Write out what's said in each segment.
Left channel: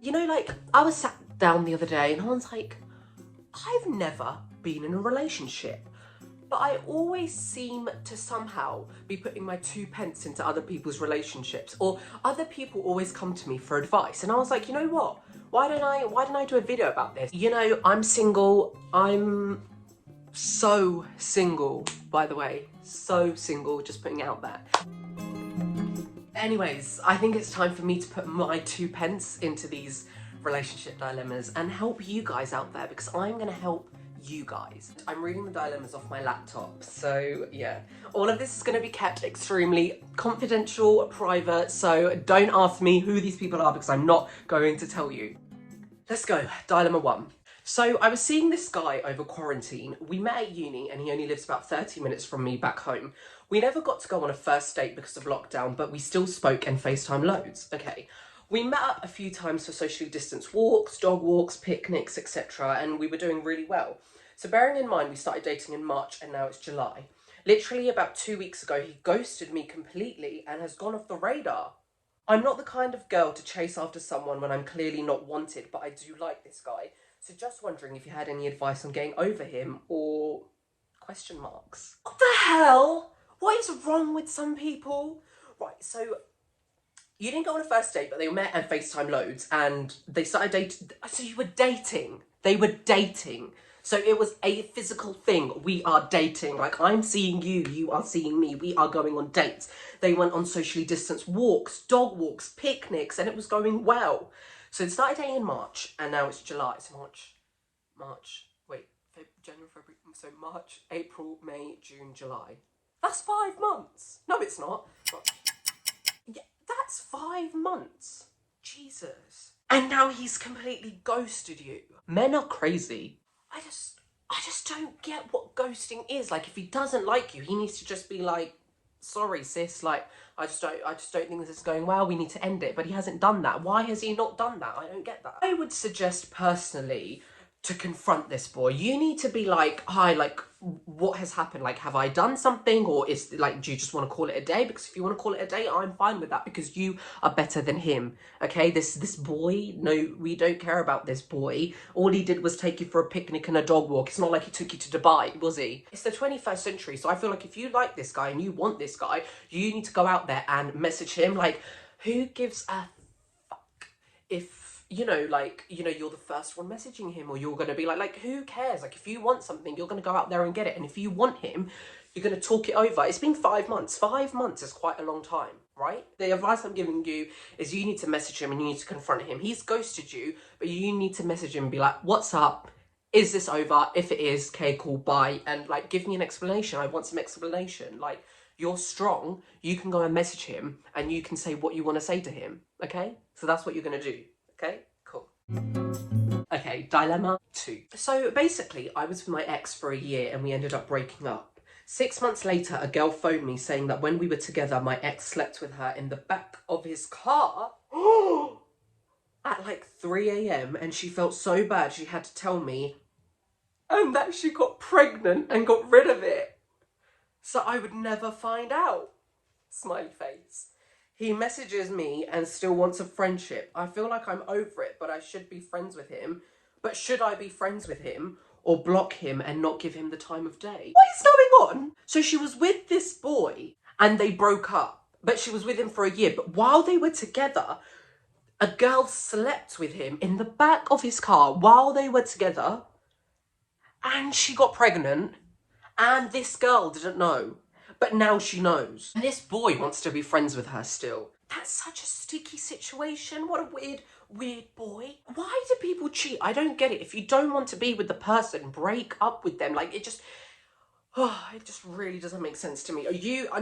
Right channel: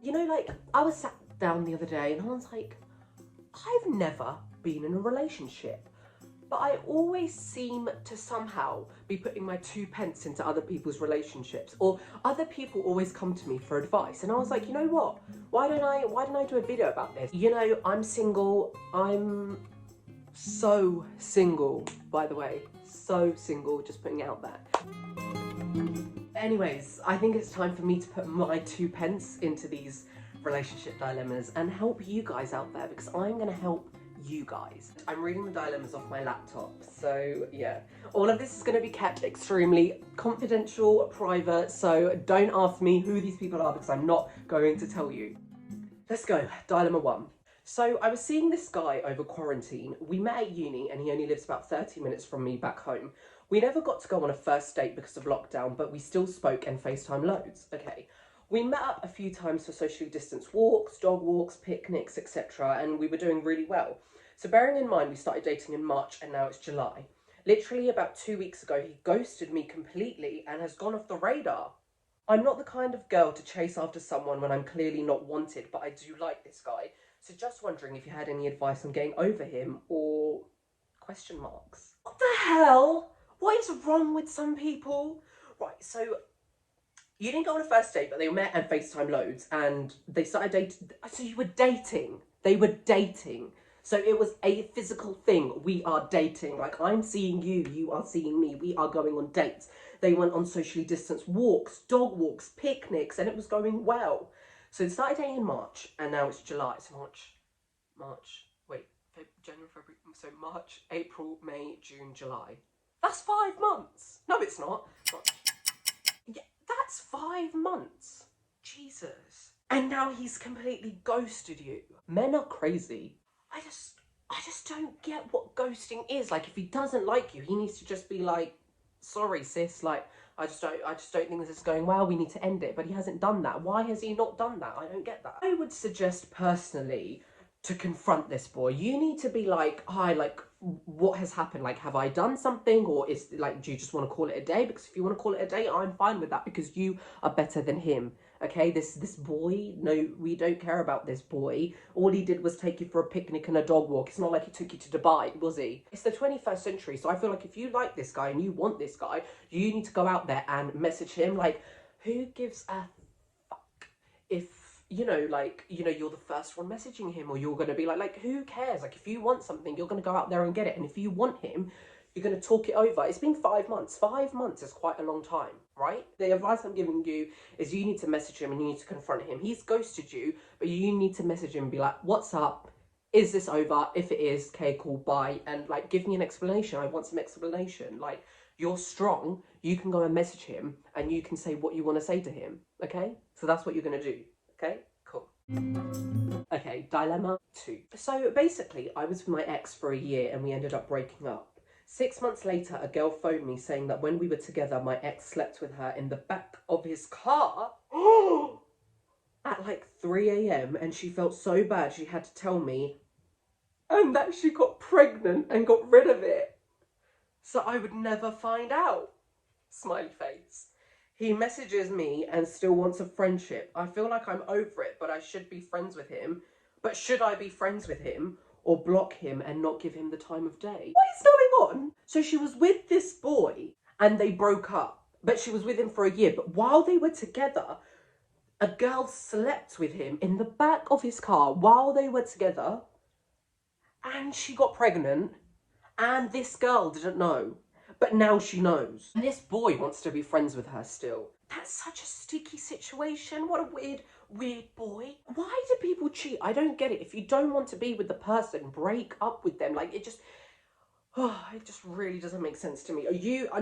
You know, like, I was sat down the other day and I was like, I've never been in a relationship, but I always seem to somehow be putting my 2 pence into other people's relationships, or other people always come to me for advice. And I was like, you know what? Why don't I do a video about this? You know, I'm single. I'm so single, by the way. So single, just putting it out there. Anyways, I think it's time for me to put my 2 pence into these relationship dilemmas and help you guys out there, because I'm gonna help you guys. I'm reading the dilemmas off my laptop, so yeah. All of this is gonna be kept extremely confidential, private, so don't ask me who these people are because I'm not going to tell you. Let's go, dilemma 1. So I was seeing this guy over quarantine. We met at uni and he only lives about 30 minutes from me back home. We never got to go on a first date because of lockdown, but we still spoke and FaceTime loads. Okay. We met up a few times for socially distanced walks, dog walks, picnics, etc. and we were doing really well. So bearing in mind we started dating in March and now it's July. Literally about 2 weeks ago he ghosted me completely and has gone off the radar. I'm not the kind of girl to chase after someone when I'm clearly not wanted, but I do like this guy. So just wondering if you had any advice on getting over him, or question marks. What the hell? What is wrong with some people? Right, so you didn't go on a first date, but they met and FaceTime loads and they started dating. So you were dating. They were dating. So it was a physical thing. We are dating. Like, I'm seeing you, you are seeing me. We are going on dates. They went on socially distanced walks, dog walks, picnics, and it was going well. So it started dating in March, and now it's July. It's January, February. So March, April, May, June, July. That's 5 months. No, it's not. Yeah, that's 5 months. Jesus. And now he's completely ghosted you. Men are crazy. I just don't get what ghosting is. Like, if he doesn't like you, he needs to just be like, sorry sis, like, I just don't think this is going well, we need to end it. But he hasn't done that. Why has he not done that? I don't get that. I would suggest personally to confront this boy. You need to be like, hi, like, what has happened? Like, have I done something? Or is, like, do you just want to call it a day? Because if you want to call it a day, I'm fine with that, because you are better than him. Okay, this boy, no, we don't care about this boy. All he did was take you for a picnic and a dog walk. It's not like he took you to Dubai, was he? It's the 21st century, so I feel like if you like this guy and you want this guy, you need to go out there and message him. Like, who gives a fuck if, you know, like, you know, you're the first one messaging him, or you're going to be like, who cares? Like, if you want something, you're going to go out there and get it. And if you want him, you're going to talk it over. It's been 5 months. 5 months is quite a long time, right? The advice I'm giving you is you need to message him and you need to confront him. He's ghosted you, but you need to message him and be like, what's up? Is this over? If it is, okay, cool, bye. And, like, give me an explanation. I want some explanation. Like, you're strong. You can go and message him and you can say what you want to say to him, okay? So that's what you're going to do. Okay, cool. Okay, dilemma 2. So basically, I was with my ex for a year and we ended up breaking up. 6 months later, a girl phoned me saying that when we were together, my ex slept with her in the back of his car at like 3 a.m. and she felt so bad she had to tell me, and that she got pregnant and got rid of it, so I would never find out. Smiley face. He messages me and still wants a friendship. I feel like I'm over it, but I should be friends with him. But should I be friends with him or block him and not give him the time of day? What is going on? So she was with this boy and they broke up, but she was with him for a year. But while they were together, a girl slept with him in the back of his car while they were together, and she got pregnant, and this girl didn't know. But now she knows. And this boy wants to be friends with her still. That's such a sticky situation. What a weird boy. Why do people cheat? I don't get it. If you don't want to be with the person, break up with them. Like, it just really doesn't make sense to me. You are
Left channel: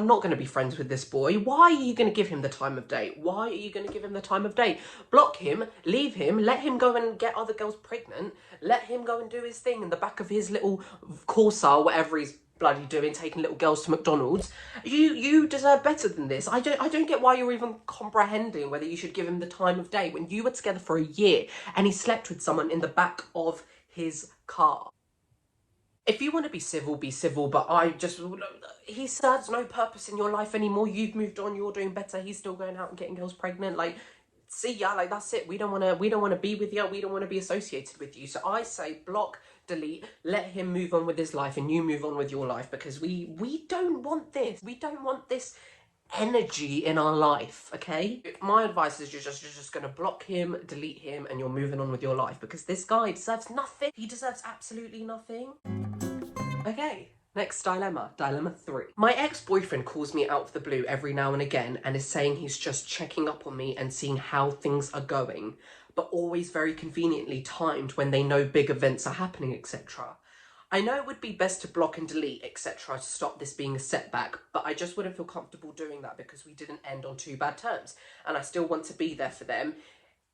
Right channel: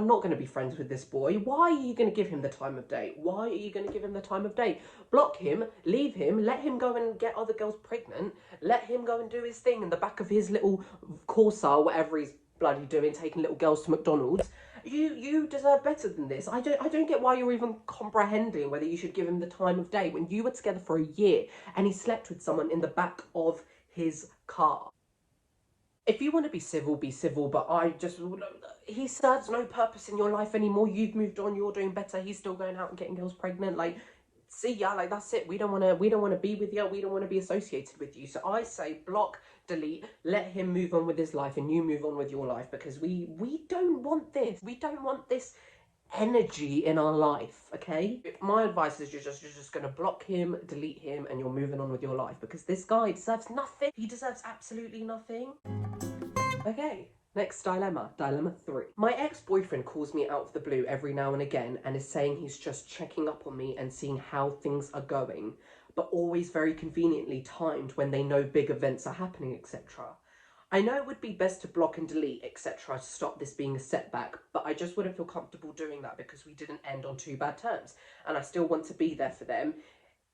not going to be friends with this boy. Why are you going to give him the time of day? Why are you going to give him the time of day? Block him, leave him, let him go and get other girls pregnant, let him go and do his thing in the back of his little Corsa or whatever he's bloody doing, taking little girls to McDonald's. You deserve better than this. I don't get why you're even comprehending whether you should give him the time of day when you were together for a year and he slept with someone in the back of his car. If you want to be civil, but he serves no purpose in your life anymore. You've moved on, you're doing better, he's still going out and getting girls pregnant. Like, see ya, like that's it. We don't want to be with you. We don't want to be associated with you. So I say block, delete, let him move on with his life and you move on with your life, because we don't want this. We don't want this energy in our life, okay? My advice is you're just gonna block him, delete him, and you're moving on with your life, because this guy deserves nothing. He deserves absolutely nothing. Okay, next dilemma. Dilemma 3. My ex-boyfriend calls me out of the blue every now and again and is saying he's just checking up on me and seeing how things are going, but always very conveniently timed when they know big events are happening, etc. I know it would be best to block and delete, etc. to stop this being a setback, but I just wouldn't feel comfortable doing that because we didn't end on too bad terms, and I still want to be there for them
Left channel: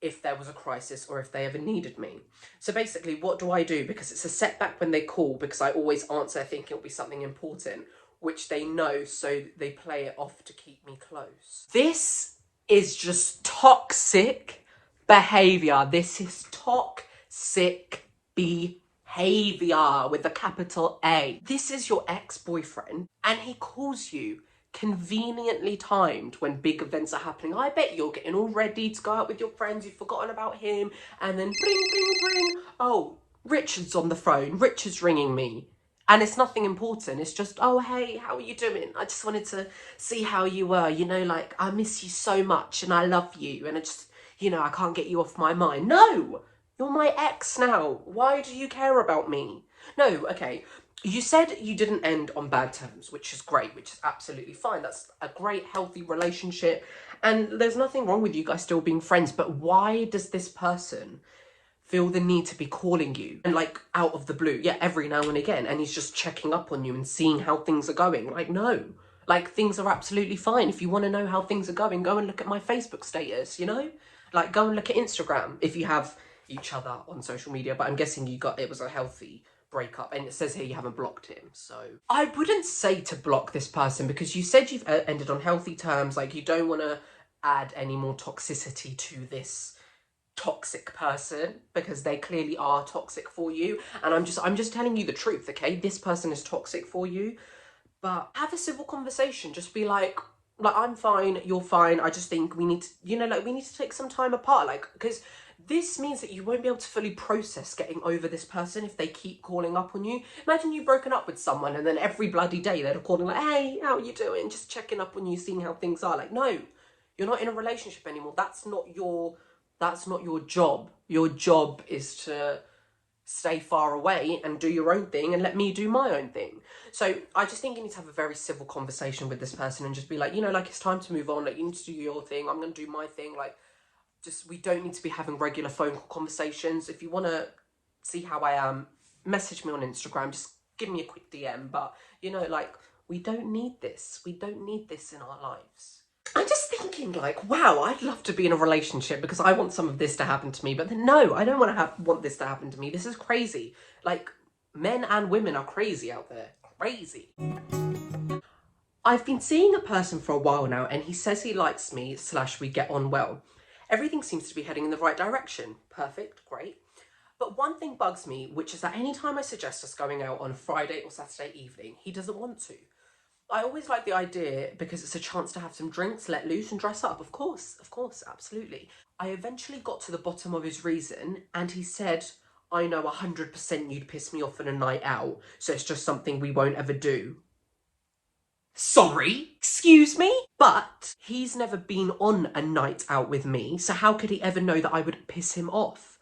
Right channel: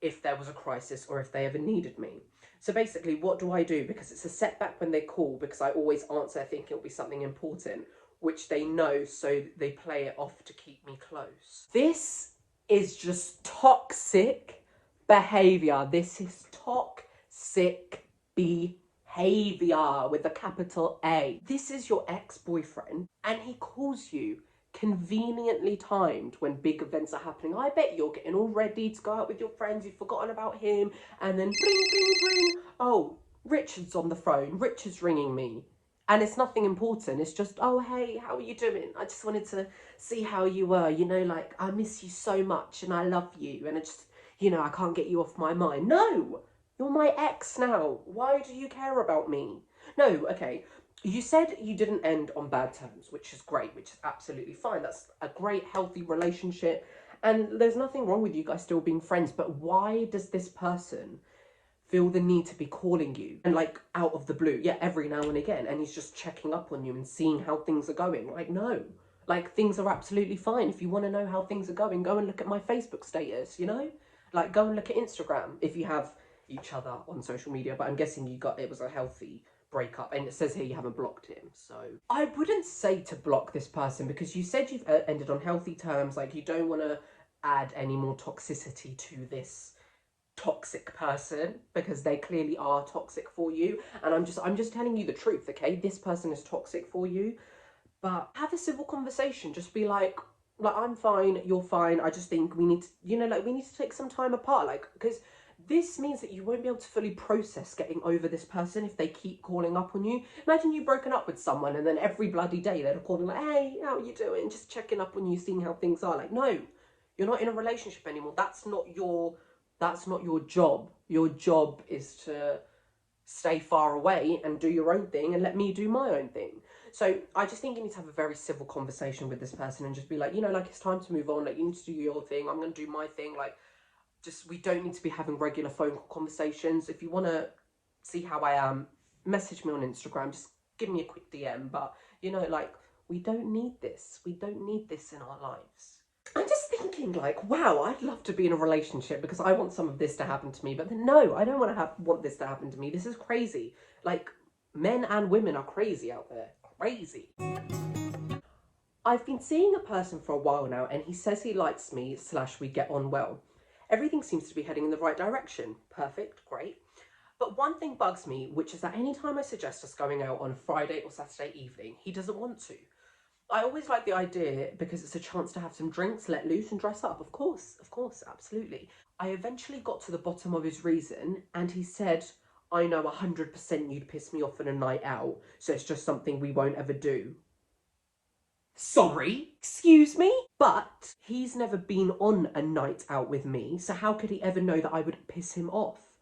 if there was a crisis or if they ever needed me. So basically, what do I do? Because it's a setback when they call, because I always answer thinking it'll be something important, which they know, so they play it off to keep me close. This is just toxic behaviour. This is toxic behaviour with a capital A. This is your ex-boyfriend and he calls you conveniently timed when big events are happening. I bet you're getting all ready to go out with your friends, you've forgotten about him, and then bling, bling, bling. Oh, Richard's on the phone, Richard's ringing me. And it's nothing important, it's just, oh, hey, how are you doing? I just wanted to see how you were, you know, like, I miss you so much and I love you and I just, you know, I can't get you off my mind. No, you're my ex now. Why do you care about me? No, okay. You said you didn't end on bad terms, which is great, which is absolutely fine. That's a great, healthy relationship. And there's nothing wrong with you guys still being friends. But why does this person feel the need to be calling you and like out of the blue? Yeah, every now and again. And he's just checking up on you and seeing how things are going. Like, no, like things are absolutely fine. If you want to know how things are going, go and look at my Facebook status, you know? Like, go and look at Instagram if you have each other on social media. But I'm guessing it was a healthy breakup, and it says here you haven't blocked him, so I wouldn't say to block this person, because you said you've ended on healthy terms. Like, you don't want to add any more toxicity to this toxic person, because they clearly are toxic for you, and I'm just telling you the truth, okay? This person is toxic for you. But have a civil conversation. Just be like, I'm fine, you're fine, I just think we need to, you know, like, we need to take some time apart, like, because this means that you won't be able to fully process getting over this person if they keep calling up on you. Imagine you've broken up with someone and then every bloody day they're calling like, hey, how are you doing? Just checking up on you, seeing how things are. Like, no, you're not in a relationship anymore. That's not your job. Your job is to stay far away and do your own thing and let me do my own thing. So I just think you need to have a very civil conversation with this person and just be like, you know, like, it's time to move on. Like, you need to do your thing. I'm going to do my thing. Like, we don't need to be having regular phone call conversations. If you want to see how I am, message me on Instagram. Just give me a quick DM. But, you know, like, we don't need this. We don't need this in our lives. I'm just thinking, like, wow, I'd love to be in a relationship because I want some of this to happen to me. But then, no, I don't want this to happen to me. This is crazy. Like, men and women are crazy out there. Crazy. I've been seeing a person for a while now, and he says he likes me / we get on well. Everything seems to be heading in the right direction. Perfect, great. But one thing bugs me, which is that anytime I suggest us going out on Friday or Saturday evening, he doesn't want to. I always like the idea because it's a chance to have some drinks, let loose and dress up. Of course, absolutely. I eventually got to the bottom of his reason, and he said, I know 100% you'd piss me off on a night out, so it's just something we won't ever do. Sorry, excuse me? But he's never been on a night out with me, so how could he ever know that I would piss him off?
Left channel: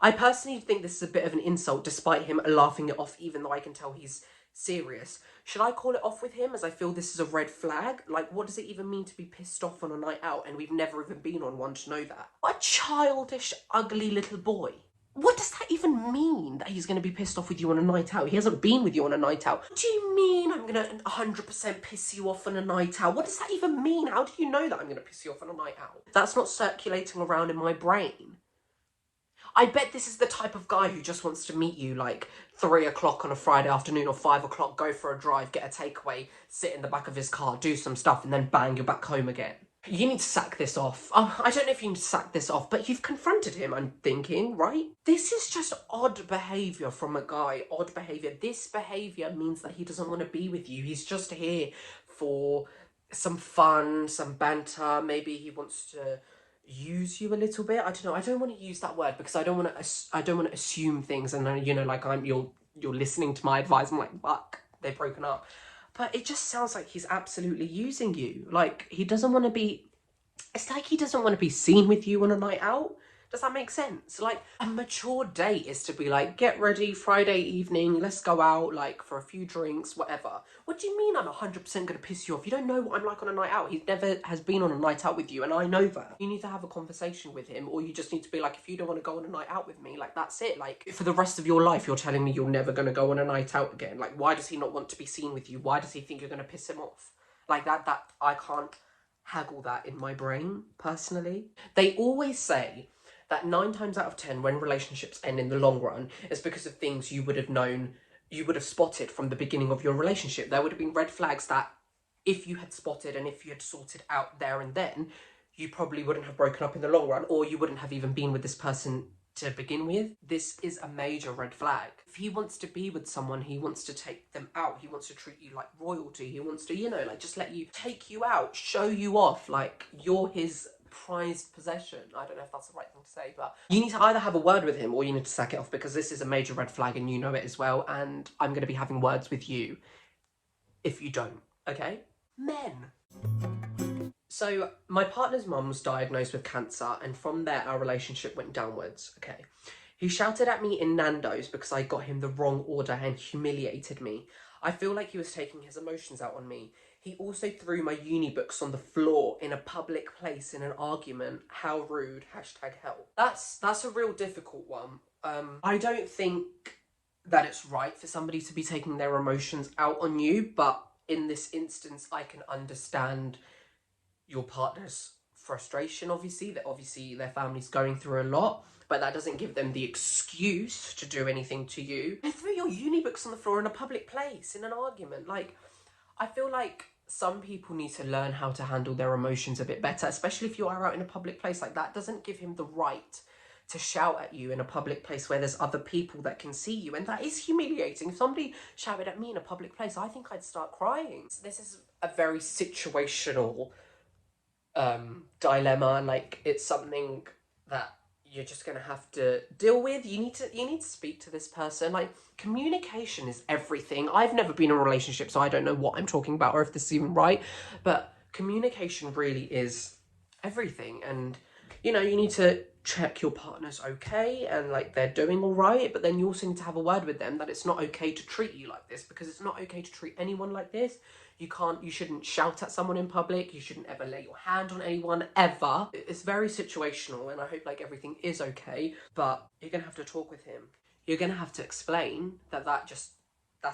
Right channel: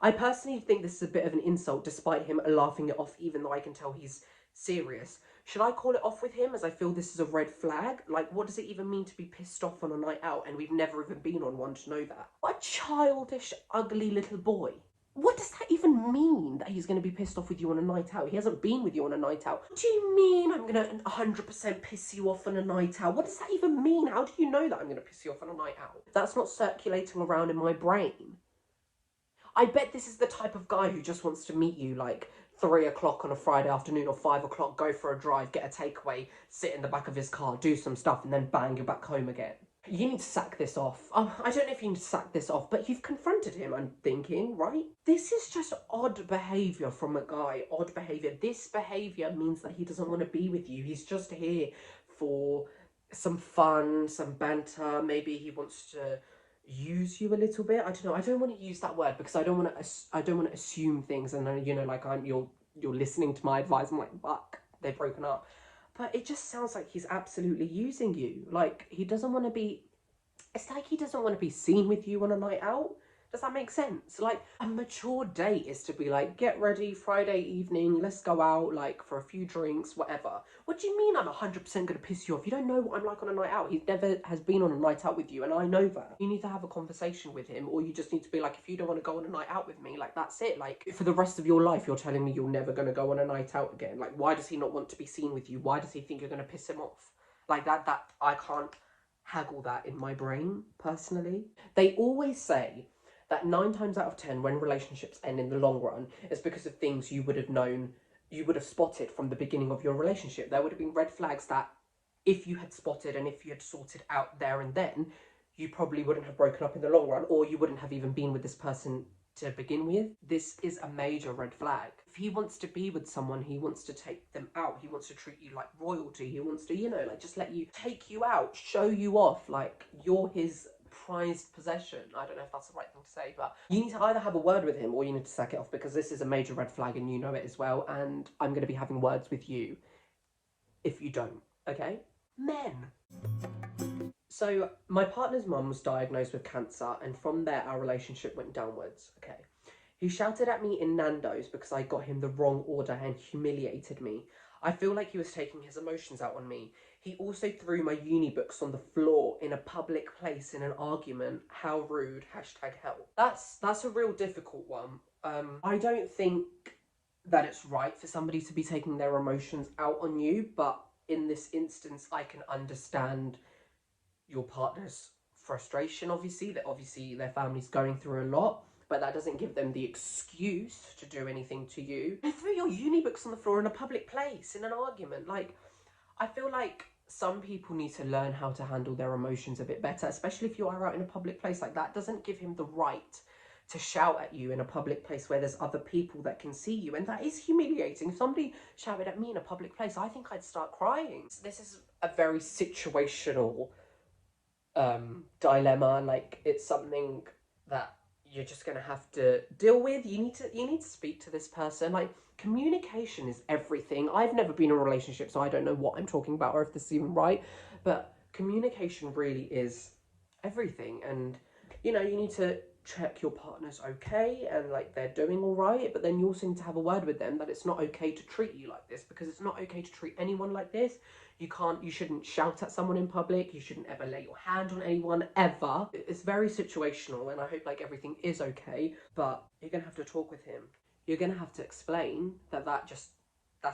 I personally think this is a bit of an insult, despite him laughing it off, even though I can tell he's serious. Should I call it off with him, as I feel this is a red flag? Like, what does it even mean to be pissed off on a night out, and we've never even been on one to know that? What a childish, ugly little boy. What does that even mean, that he's going to be pissed off with you on a night out? He hasn't been with you on a night out. What do you mean I'm going to 100% piss you off on a night out? What does that even mean? How do you know that I'm going to piss you off on a night out? That's not circulating around in my brain. I bet this is the type of guy who just wants to meet you like 3 o'clock on a Friday afternoon or 5 o'clock, go for a drive, get a takeaway, sit in the back of his car, do some stuff, and then bang, you're back home again. You need to sack this off. I don't know if you need to sack this off, but you've confronted him, I'm thinking, right? This is just odd behaviour from a guy, odd behaviour. This behaviour means that he doesn't want to be with you. He's just here for some fun, some banter. Maybe he wants to, use you a little bit. I don't know. I don't want to use that word because I don't want to. I don't want to assume things, and you know, like you're listening to my advice. I'm like, fuck, they've broken up. But it just sounds like he's absolutely using you. Like he doesn't want to be. It's like he doesn't want to be seen with you on a night out. Does that make sense? Like, a mature date is to be like, get ready, Friday evening, let's go out, like, for a few drinks, whatever. What do you mean I'm 100% going to piss you off? You don't know what I'm like on a night out. He never has been on a night out with you, and I know that. You need to have a conversation with him, or you just need to be like, if you don't want to go on a night out with me, like, that's it. Like, for the rest of your life, you're telling me you're never going to go on a night out again. Like, why does he not want to be seen with you? Why does he think you're going to piss him off? Like, I can't haggle that in my brain, personally. They always say that 9 times out of 10 when relationships end in the long run is because of things you would have known, you would have spotted from the beginning of your relationship. There would have been red flags that if you had spotted and if you had sorted out there and then, you probably wouldn't have broken up in the long run, or you wouldn't have even been with this person to begin with. This is a major red flag. If he wants to be with someone, he wants to take them out, he wants to treat you like royalty, he wants to, you know, like just let you, take you out, show you off, like you're his prized possession. I don't know if that's the right thing to say, but you need to either have a word with him or you need to sack it off, because this is a major red flag and you know it as well, and I'm going to be having words with you if you don't, okay? Men. So my partner's mum was diagnosed with cancer, and from there our relationship went downwards, okay? He shouted at me in Nando's because I got him the wrong order and humiliated me. I feel like he was taking his emotions out on me. He also threw my uni books on the floor in a public place in an argument. How rude, #help. That's a real difficult one. I don't think that it's right for somebody to be taking their emotions out on you, but in this instance, I can understand your partner's frustration, obviously their family's going through a lot, but that doesn't give them the excuse to do anything to you. They threw your uni books on the floor in a public place in an argument. Like, I feel like some people need to learn how to handle their emotions a bit better, especially if you are out in a public place. Like, that doesn't give him the right to shout at you in a public place where there's other people that can see you, and that is humiliating. If somebody shouted at me in a public place, I think I'd start crying. This is a very situational dilemma. Like, it's something that you're just gonna have to deal with. You need to speak to this person. Like, communication is everything. I've never been in a relationship, so I don't know what I'm talking about or if this is even right, but communication really is everything. And you know, you need to check your partner's okay and like they're doing all right, but then you also need to have a word with them that it's not okay to treat you like this, because it's not okay to treat anyone like this. You shouldn't shout at someone in public. You shouldn't ever lay your hand on anyone, ever. It's very situational, and I hope like everything is okay, but you're gonna have to talk with him. You're gonna have to explain that that's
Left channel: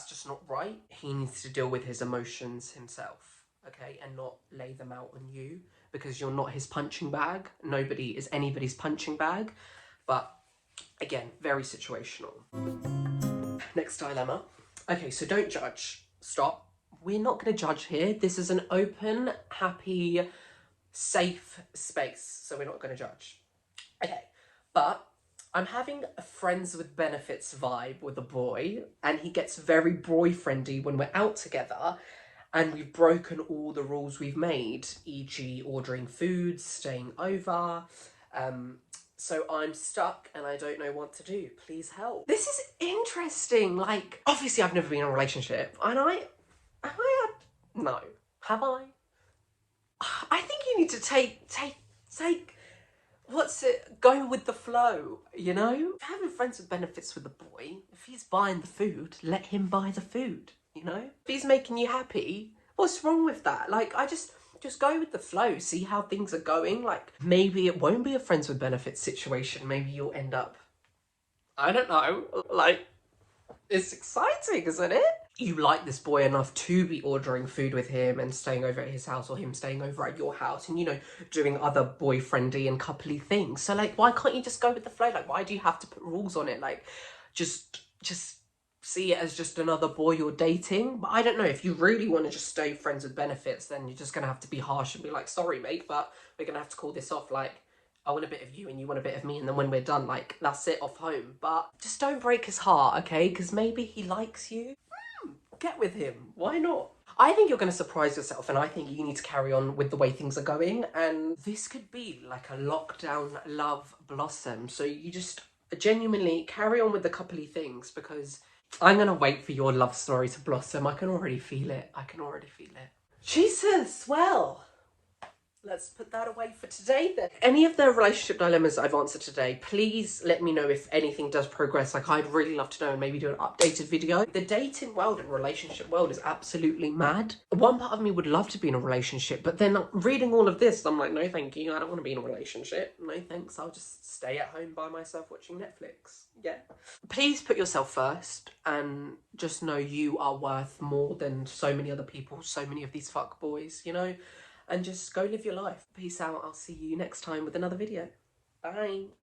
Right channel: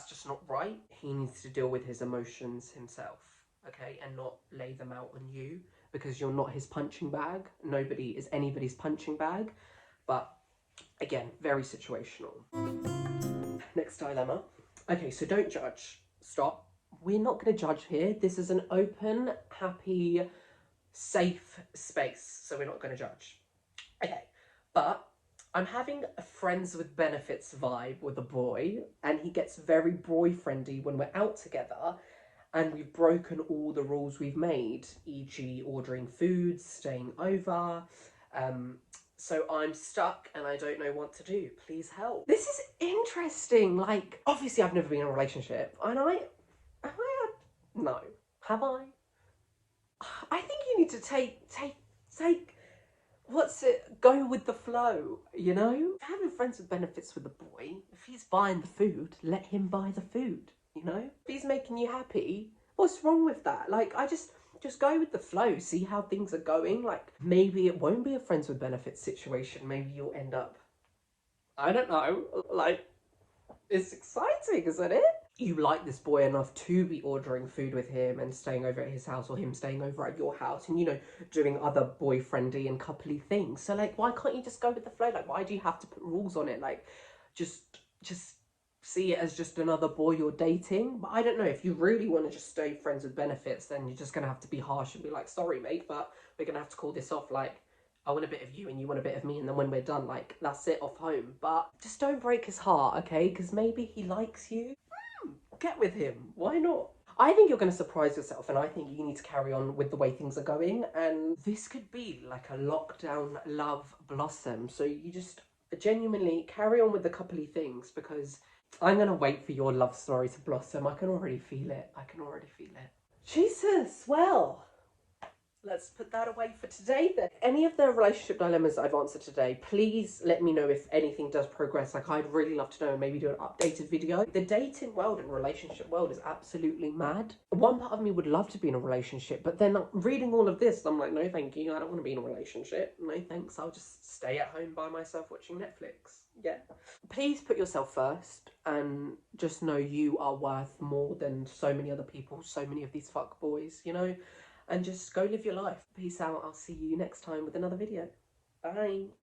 just not right. He needs to deal with his emotions himself, okay, and not lay them out on you, because you're not his punching bag. Nobody is anybody's punching bag. But again, very situational. Next dilemma. Okay, so don't judge. Stop. We're not going to judge here. This is an open, happy, safe space, so we're not going to judge. Okay, but I'm having a friends with benefits vibe with a boy, and he gets very boyfriendy when we're out together, and we've broken all the rules we've made, e.g. ordering food, staying over. So I'm stuck and I don't know what to do. Please help. This is interesting. Like, obviously I've never been in a relationship, and no. Have I? I think you need to take, go with the flow, you know? Having friends with benefits with the boy, if he's buying the food, let him buy the food, you know? If he's making you happy, what's wrong with that? Like, I just go with the flow, see how things are going. Like, maybe it won't be a friends with benefits situation. Maybe you'll end up, I don't know, like, it's exciting, isn't it? You like this boy enough to be ordering food with him and staying over at his house, or him staying over at your house, and, you know, doing other boyfriendy and coupley things. So, like, why can't you just go with the flow? Like, why do you have to put rules on it? Like, just see it as just another boy you're dating. But I don't know, if you really want to just stay friends with benefits, then you're just gonna have to be harsh and be like, sorry mate, but we're gonna have to call this off. Like, I want a bit of you and you want a bit of me, and then when we're done, like, that's it, off home. But just don't break his heart, okay? Because maybe he likes you. Get with him. Why not? I think you're going to surprise yourself, and I think you need to carry on with the way things are going. And this could be like a lockdown love blossom. So you just genuinely carry on with the coupley things, because I'm going to wait for your love story to blossom. I can already feel it. I can already feel it. Jesus, well, let's put that away for today then. Any of the relationship dilemmas I've answered today, please let me know if anything does progress. Like, I'd really love to know and maybe do an updated video. The dating world and relationship world is absolutely mad. One part of me would love to be in a relationship, but then reading all of this, I'm like, no thank you, I don't want to be in a relationship. No thanks, I'll just stay at home by myself watching Netflix. Yeah. Please put yourself first and just know you are worth more than so many other people, so many of these fuck boys, you know? And just go live your life. Peace out. I'll see you next time with another video. Bye.